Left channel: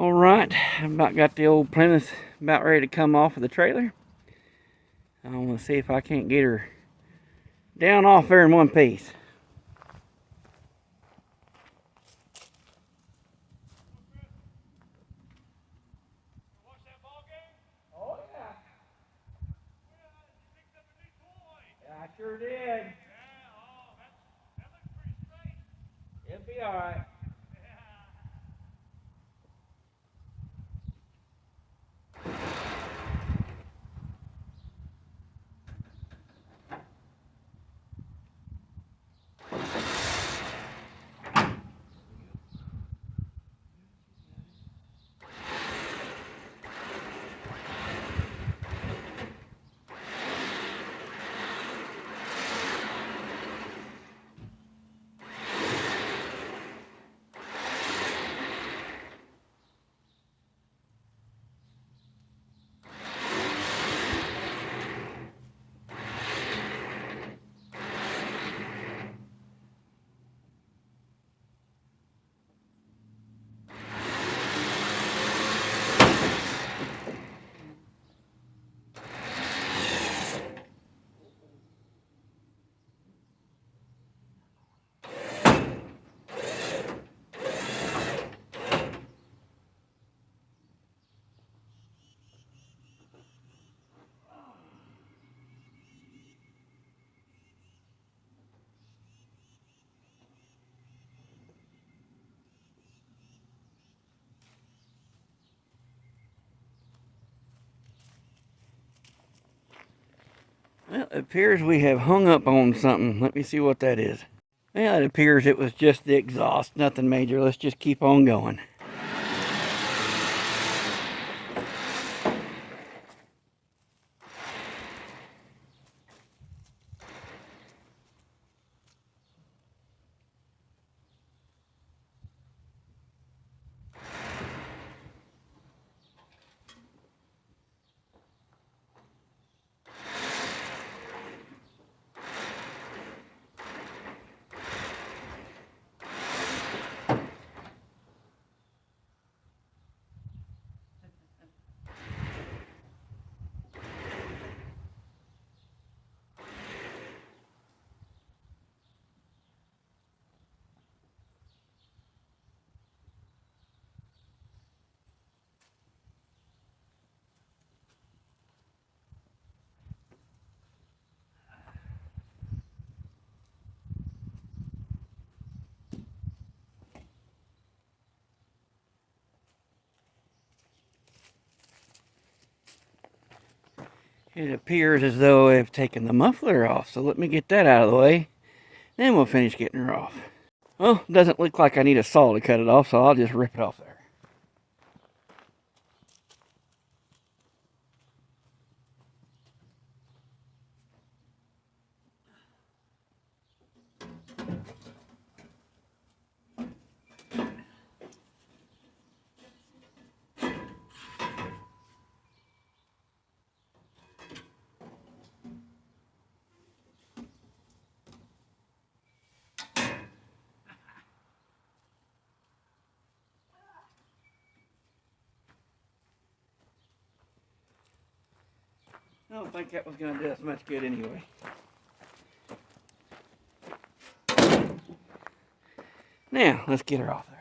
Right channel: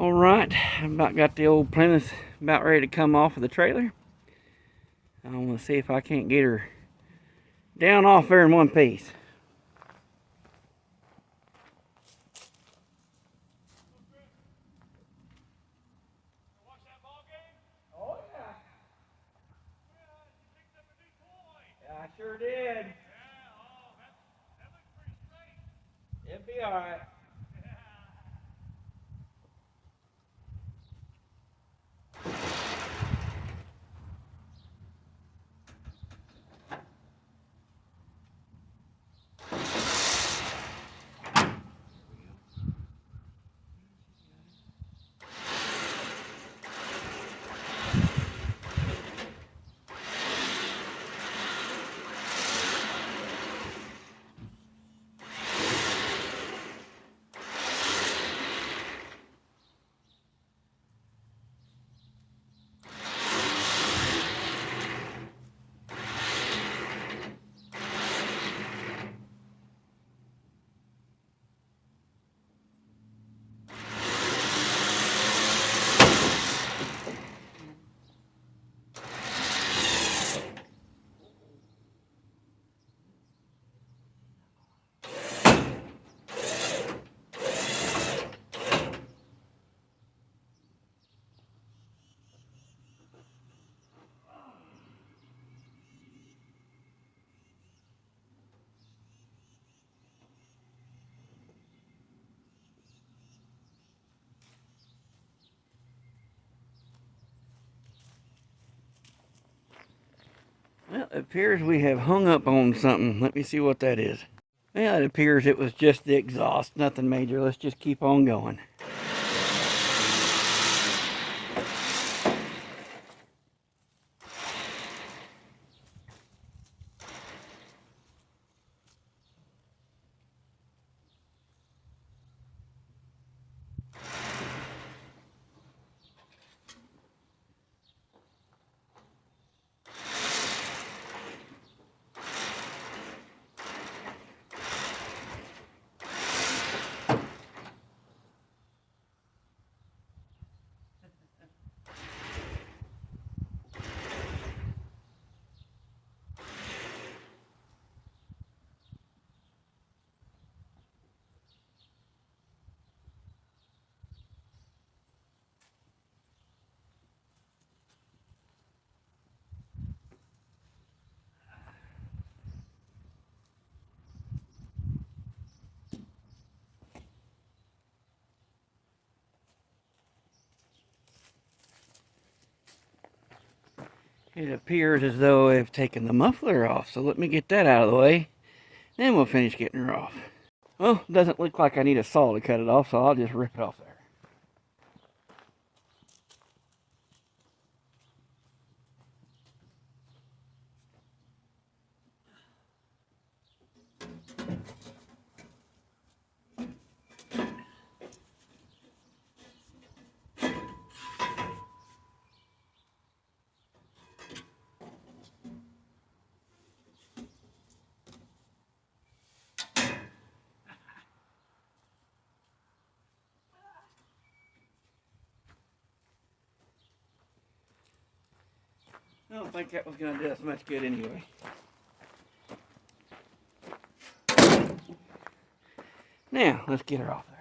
All right, I've about got the old Plymouth about ready to come off of the trailer. I want to see if I can't get her down off there in one piece. Oh yeah. I sure did. It'll be all right. Well, it appears we have hung up on something. Let me see what that is. Yeah, it appears it was just the exhaust, nothing major. Let's just keep on going. It appears as though I've taken the muffler off, so let me get that out of the way. Then we'll finish getting her off. Well, it doesn't look like I need a saw to cut it off, so I'll just rip it off there. I don't think that was going to do us much good anyway. Now, let's get her off there.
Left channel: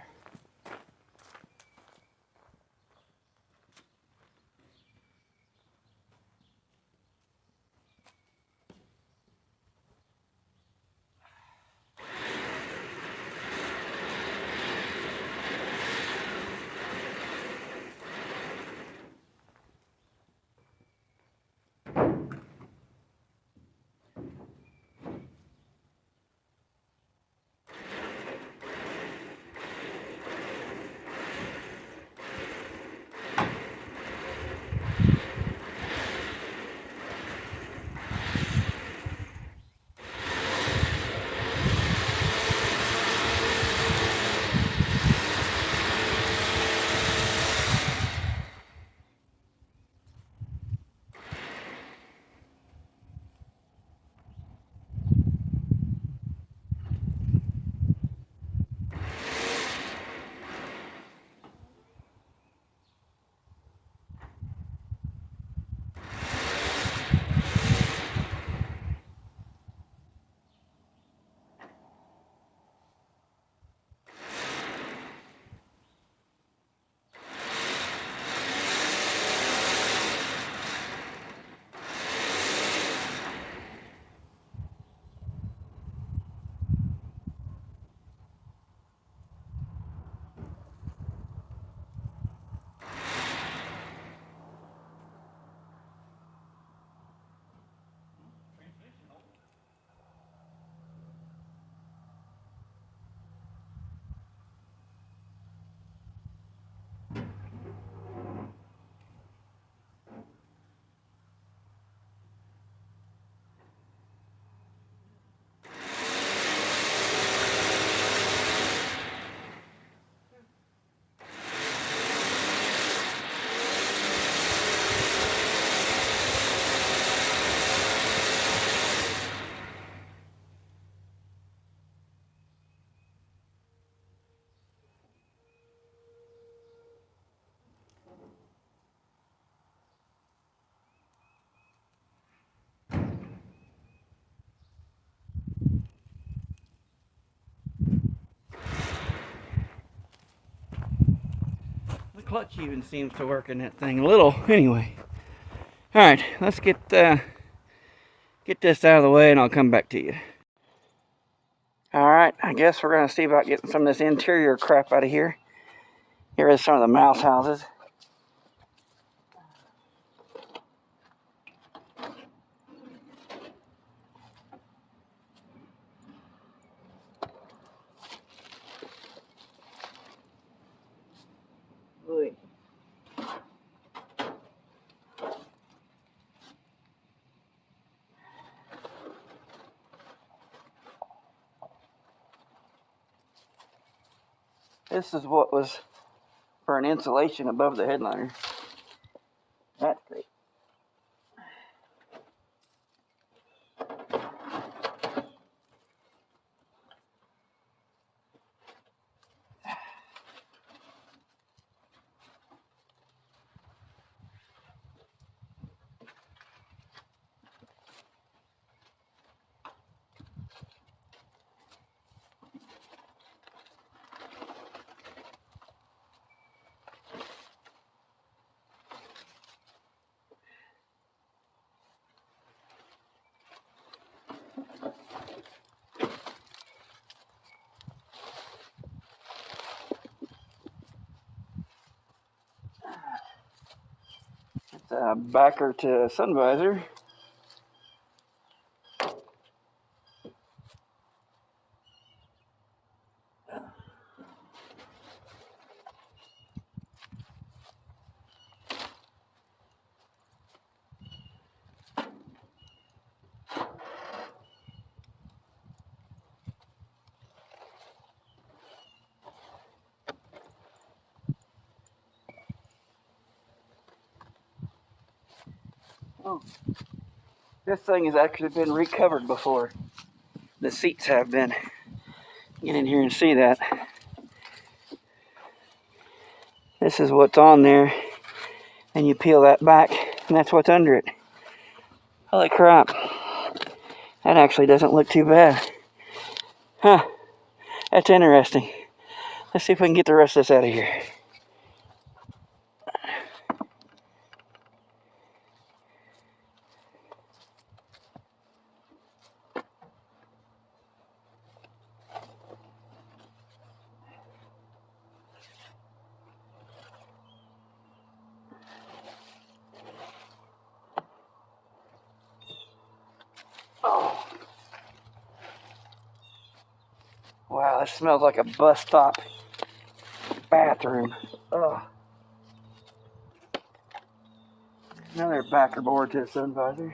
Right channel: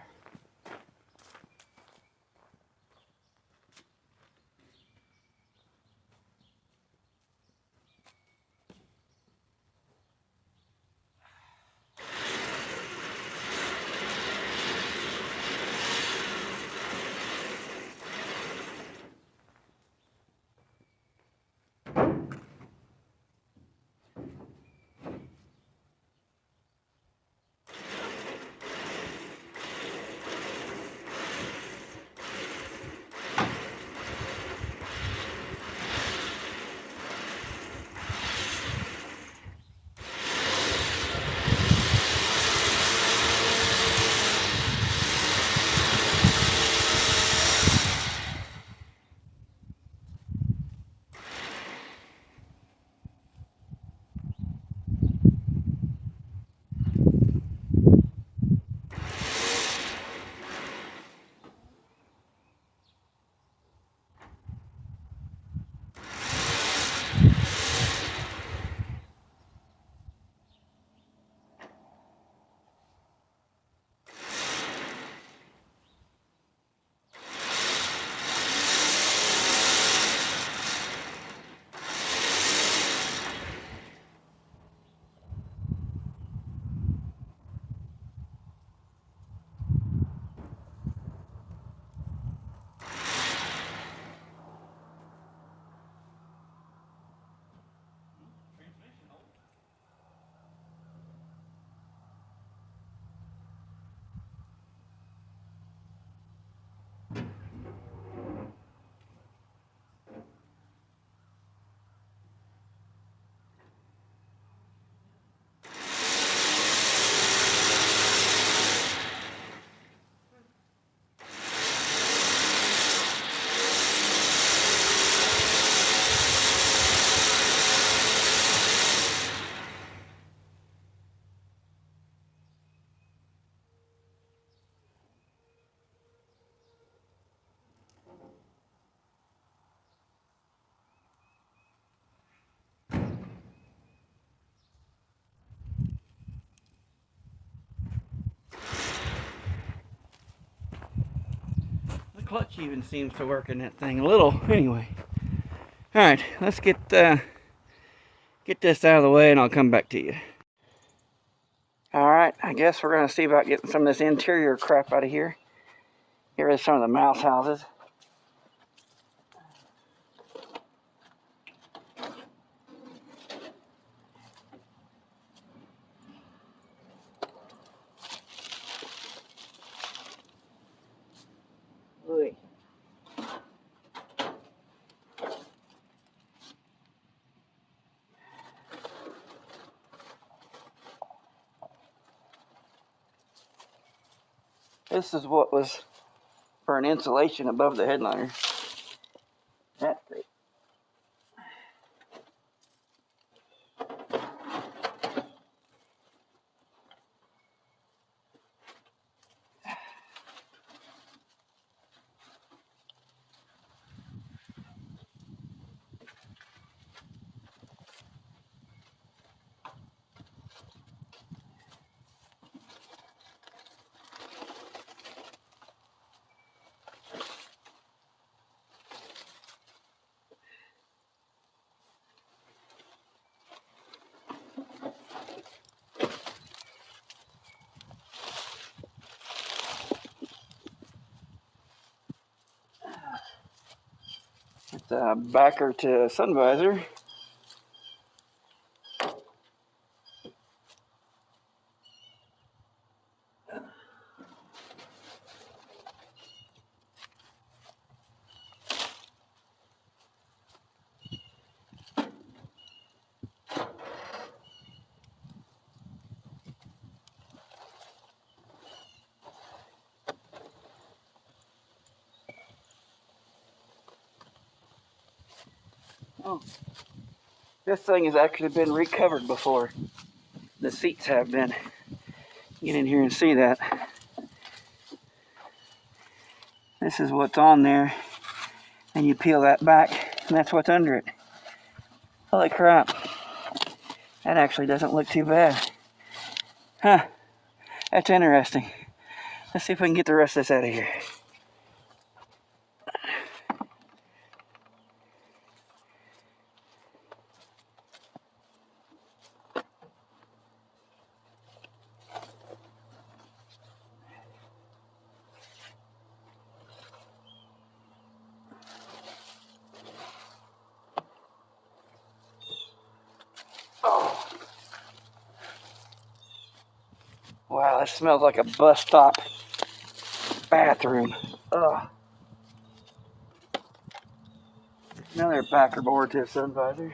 clutch even seems to work in that thing a little. Anyway. Alright, let's get this out of the way and I'll come back to you. Alright, I guess we're going to see about getting some of this interior crap out of here. Here is some of the mouse houses. Oy. This is what was for an insulation above the headliner. That's great. It's a backer to a sun visor. Oh, this thing has actually been recovered before. The seats have been. Get in here and see that. This is what's on there, and you peel that back, and that's what's under it. Holy crap. That actually doesn't look too bad. Huh, that's interesting. Let's see if we can get the rest of this out of here. Oh. Wow, this smells like a bus stop bathroom. Ugh. Another backer board to a sun visor.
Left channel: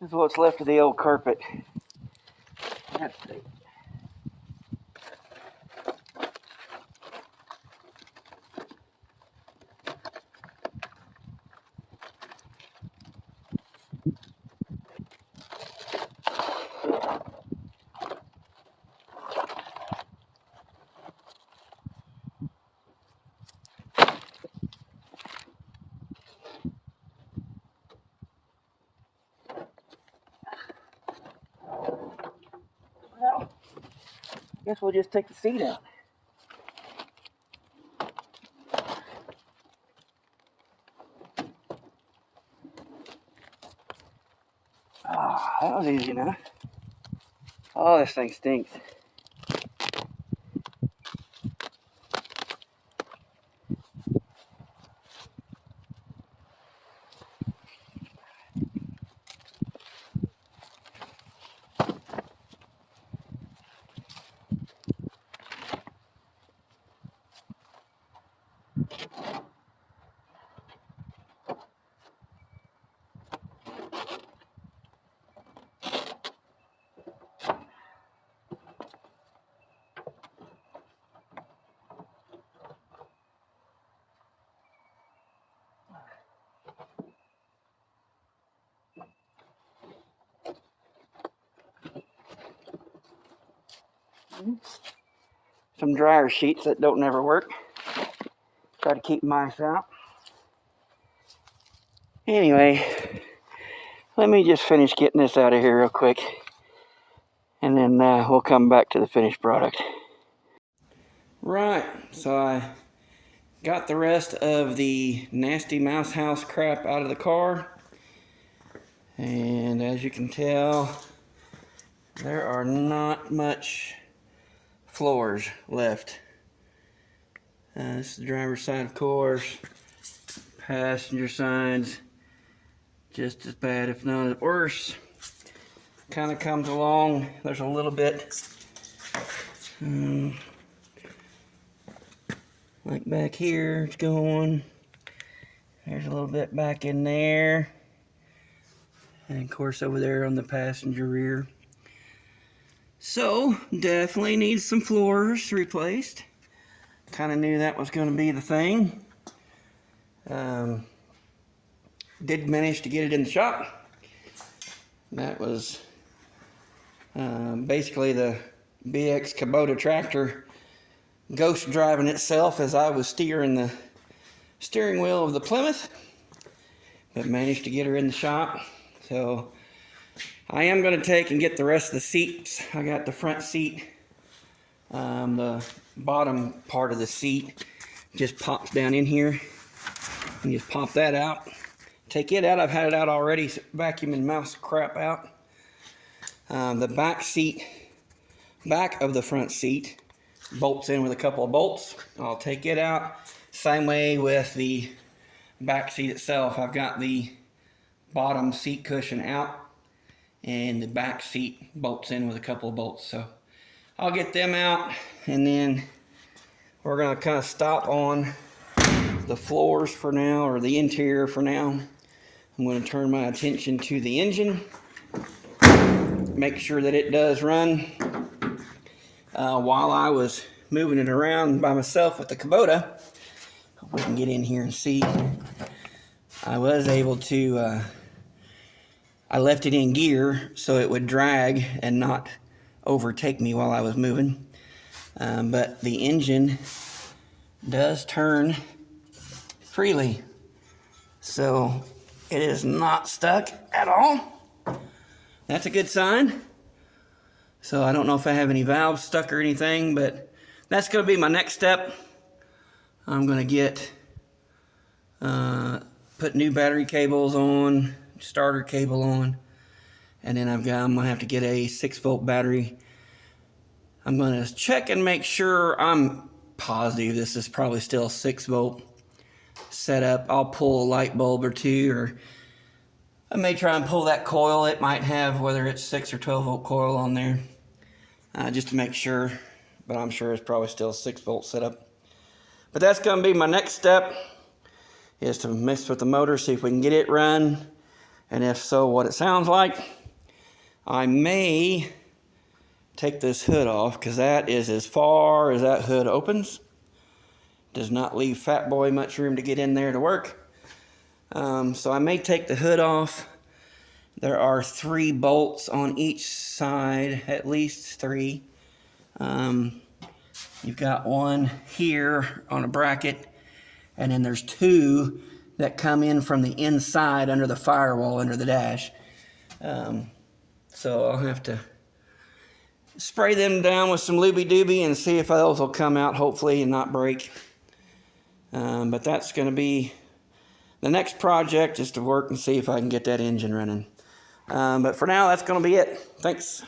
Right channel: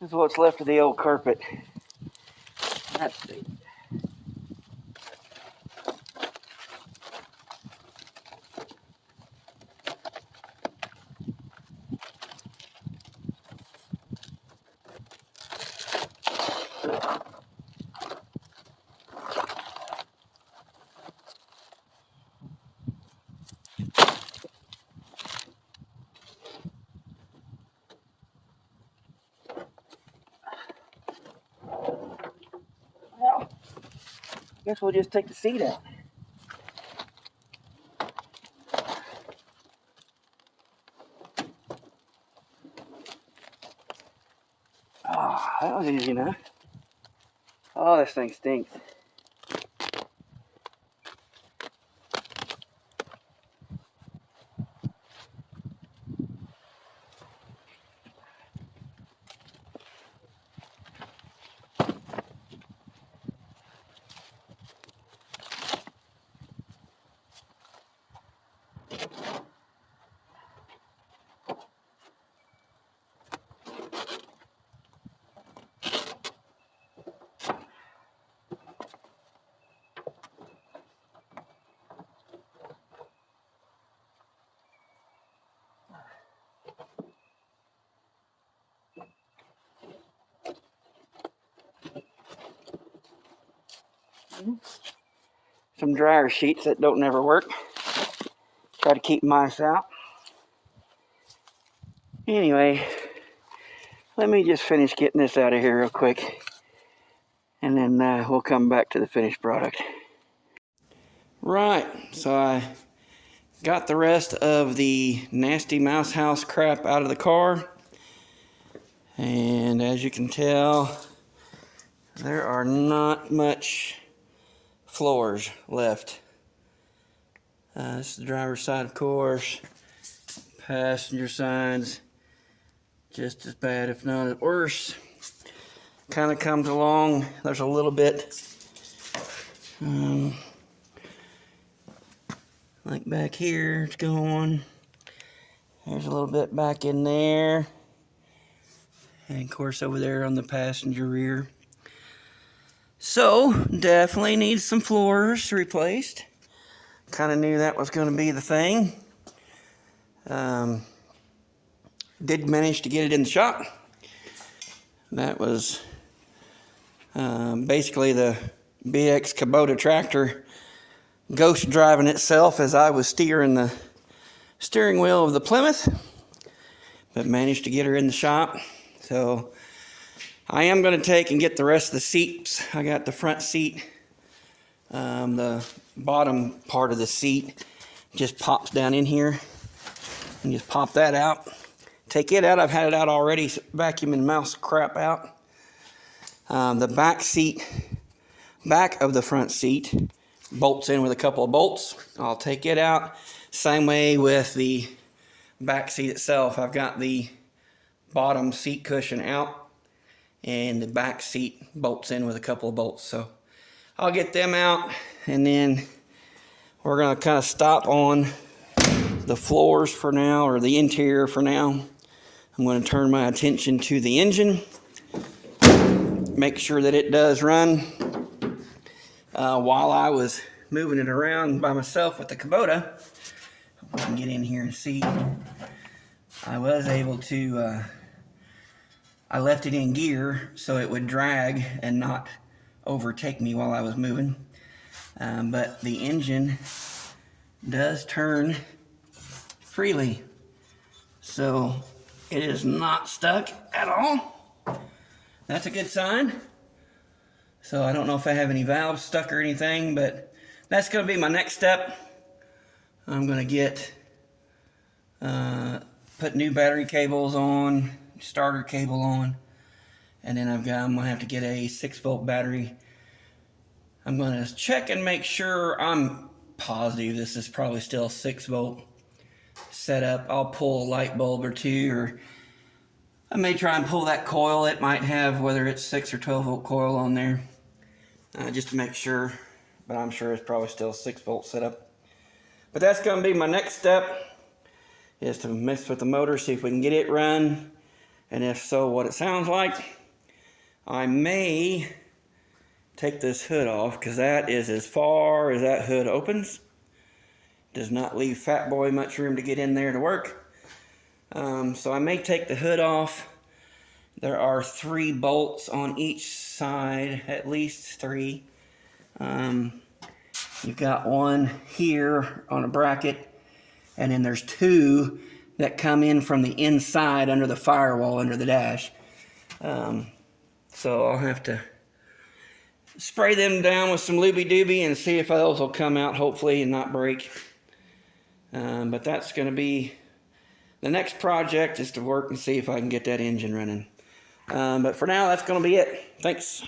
This is what's left of the old carpet. That's it. Well, I guess we'll just take the seat out. Ah, that was easy enough. Oh, this thing stinks. Some dryer sheets that don't never work. Try to keep mice out. Anyway, let me just finish getting this out of here real quick, and then we'll come back to the finished product. Right, so I got the rest of the nasty mouse house crap out of the car, and as you can tell, there are not much floors left. This is the driver's side, of course. Passenger side's just as bad, if not worse. Kind of comes along. There's a little bit like back here. It's going. There's a little bit back in there, and of course over there on the passenger rear. So definitely needs some floors replaced. Kind of knew that was going to be the thing. Did manage to get it in the shop. That was basically the BX Kubota tractor ghost driving itself as I was steering the steering wheel of the Plymouth, but managed to get her in the shop. So I am going to take and get the rest of the seats. I got the front seat, the bottom part of the seat just pops down in here, and just pop that out. Take it out. I've had it out already, vacuuming mouse crap out. The back of the front seat bolts in with a couple of bolts. I'll take it out. Same way with the back seat itself. I've got the bottom seat cushion out, and the back seat bolts in with a couple of bolts. So I'll get them out, and then we're going to kind of stop on the floors for now, or the interior for now. I'm going to turn my attention to the engine, make sure that it does run. While I was moving it around by myself with the Kubota, hope we can get in here and see, I was able to, I left it in gear so it would drag and not overtake me while I was moving. But the engine does turn freely, so it is not stuck at all. That's a good sign. So I don't know if I have any valves stuck or anything, but that's going to be my next step. I'm going to get put new battery cables on, starter cable on, and then I'm going to have to get a 6-volt battery. I'm going to check and make sure. I'm positive this is probably still 6-volt setup. I'll pull a light bulb or two, or I may try and pull that coil. It might have, whether it's 6 or 12-volt coil on there, just to make sure, but I'm sure it's probably still a 6-volt setup. But that's going to be my next step, is to mess with the motor, see if we can get it run, and if so, what it sounds like. I may take this hood off, because that is as far as that hood opens. Does not leave Fat Boy much room to get in there to work. So I may take the hood off. There are 3 bolts on each side, at least 3. You've got one here on a bracket, and then there's 2 that come in from the inside under the firewall, under the dash. So I'll have to spray them down with some looby-dooby and see if those will come out, hopefully, and not break. But that's going to be the next project, is to work and see if I can get that engine running. But for now, that's going to be it. Thanks.